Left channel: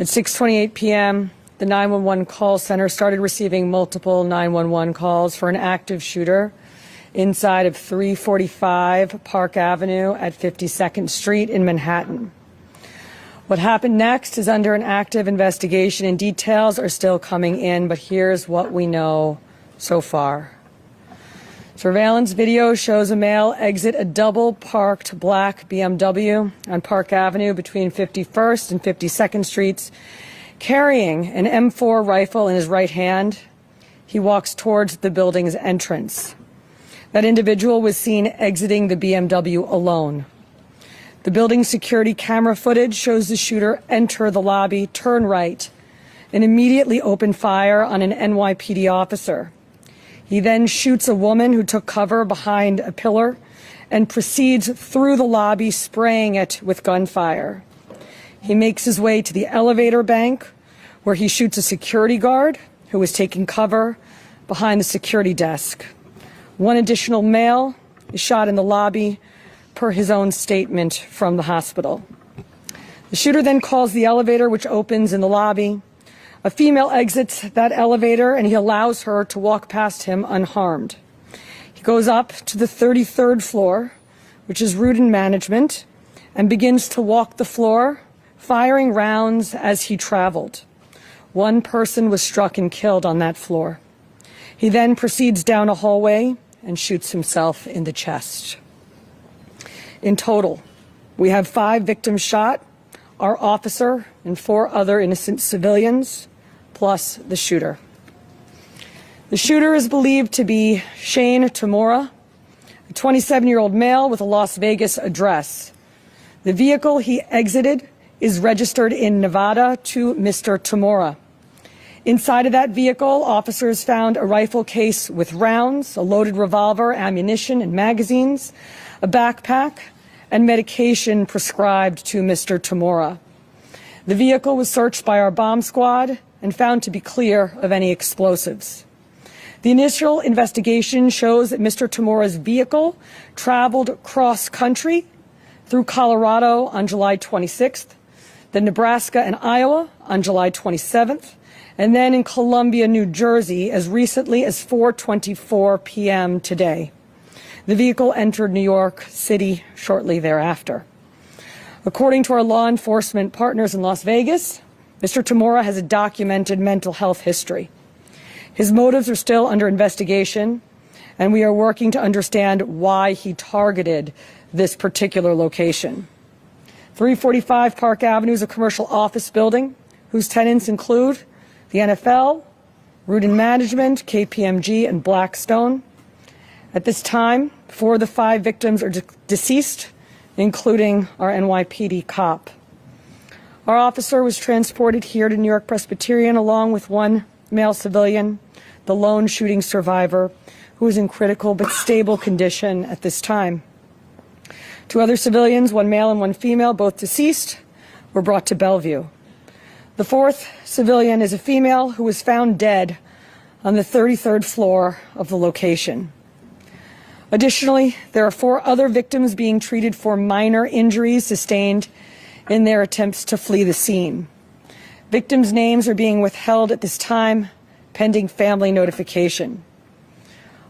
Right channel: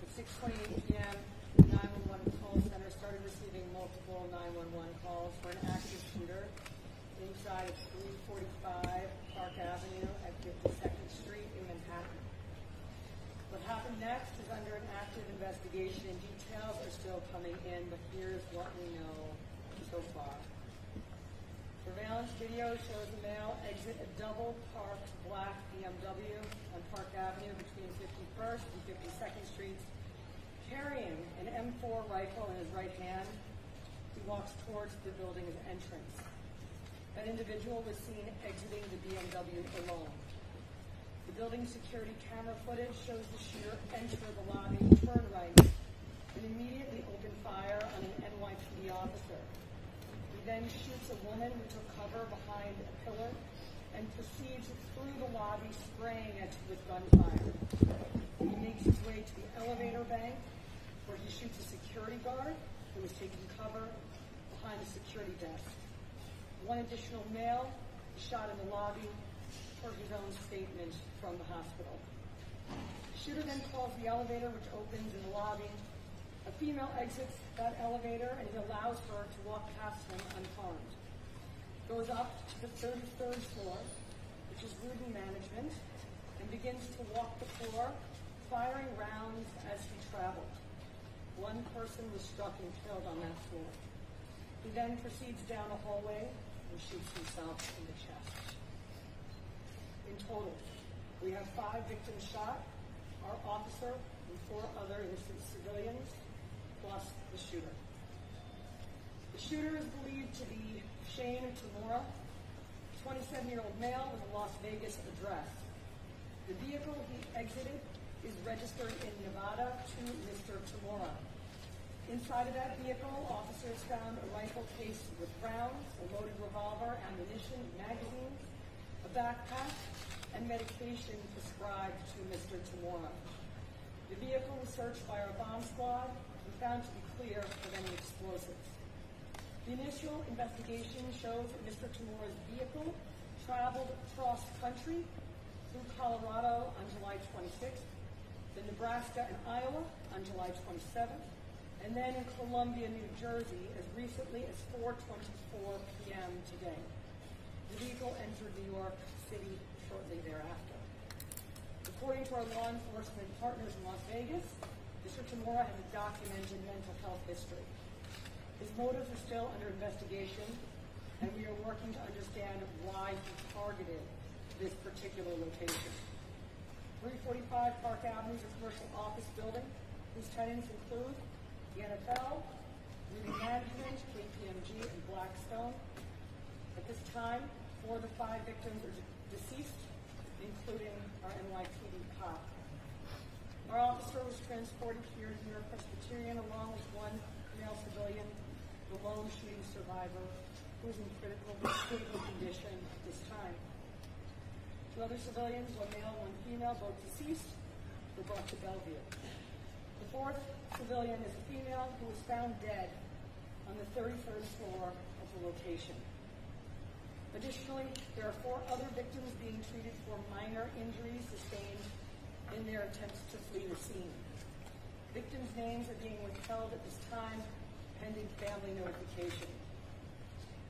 At 6:28 p.m., the 911 call center started receiving multiple 911 calls for an active shooter inside of 345 Park Avenue at 52nd Street in Manhattan. What happened next is under an active investigation, and details are still coming in, but here's what we know so far. Surveillance video shows a male exit a double-parked black BMW on Park Avenue between 51st and 52nd Streets, carrying an M4 rifle in his right hand. He walks towards the building's entrance. That individual was seen exiting the BMW alone. The building's security camera footage shows the shooter enter the lobby, turn right, and immediately open fire on an NYPD officer. He then shoots a woman who took cover behind a pillar and proceeds through the lobby, spraying it with gunfire. He makes his way to the elevator bank, where he shoots a security guard who was taking cover behind the security desk. One additional male is shot in the lobby, per his own statement from the hospital. The shooter then calls the elevator, which opens in the lobby. A female exits that elevator, and he allows her to walk past him unharmed. He goes up to the 33rd floor, which is route and management, and begins to walk the floor, firing rounds as he traveled. One person was struck and killed on that floor. He then proceeds down a hallway and shoots himself in the chest. In total, we have 5 victims shot, our officer and 4 other innocent civilians, plus the shooter. The shooter is believed to be Shane Tamura, a 27-year-old male with a Las Vegas address. The vehicle he exited is registered in Nevada to Mr. Tamura. Inside of that vehicle, officers found a rifle case with rounds, a loaded revolver, ammunition, and magazines, a backpack, and medication prescribed to Mr. Tamura. The vehicle was searched by our bomb squad and found to be clear of any explosives. The initial investigation shows that Mr. Tamura's vehicle traveled cross-country through Colorado on July 26th, then Nebraska and Iowa on July 27th, and then in Columbia, New Jersey as recently as 4:24 p.m. today. The vehicle entered New York City shortly thereafter. According to our law enforcement partners in Las Vegas, Mr. Tamura has a documented mental health history. His motives are still under investigation, and we are working to understand why he targeted this particular location. 345 Park Avenue is a commercial office building whose tenants include the NFL, Root and Management, KPMG, and Blackstone. At this time, 4 of the 5 victims are deceased, including our NYPD cop. Our officer was transported here to New York Presbyterian along with 1 male civilian, the lone shooting survivor, who is in critical but stable condition at this time. 2 other civilians, 1 male and 1 female, both deceased, were brought to Bellevue. The 4th civilian is a female who was found dead on the 33rd floor of the location. Additionally, there are 4 other victims being treated for minor injuries sustained in their attempts to flee the scene. Victims' names are being withheld at this time, pending family notification.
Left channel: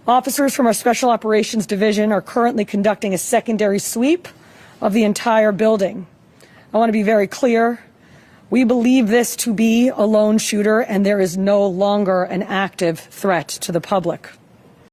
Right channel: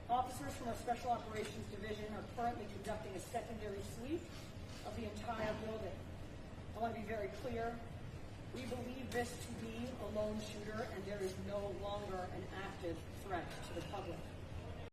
Officers from our Special Operations Division are currently conducting a secondary sweep of the entire building. I want to be very clear. We believe this to be a lone shooter, and there is no longer an active threat to the public.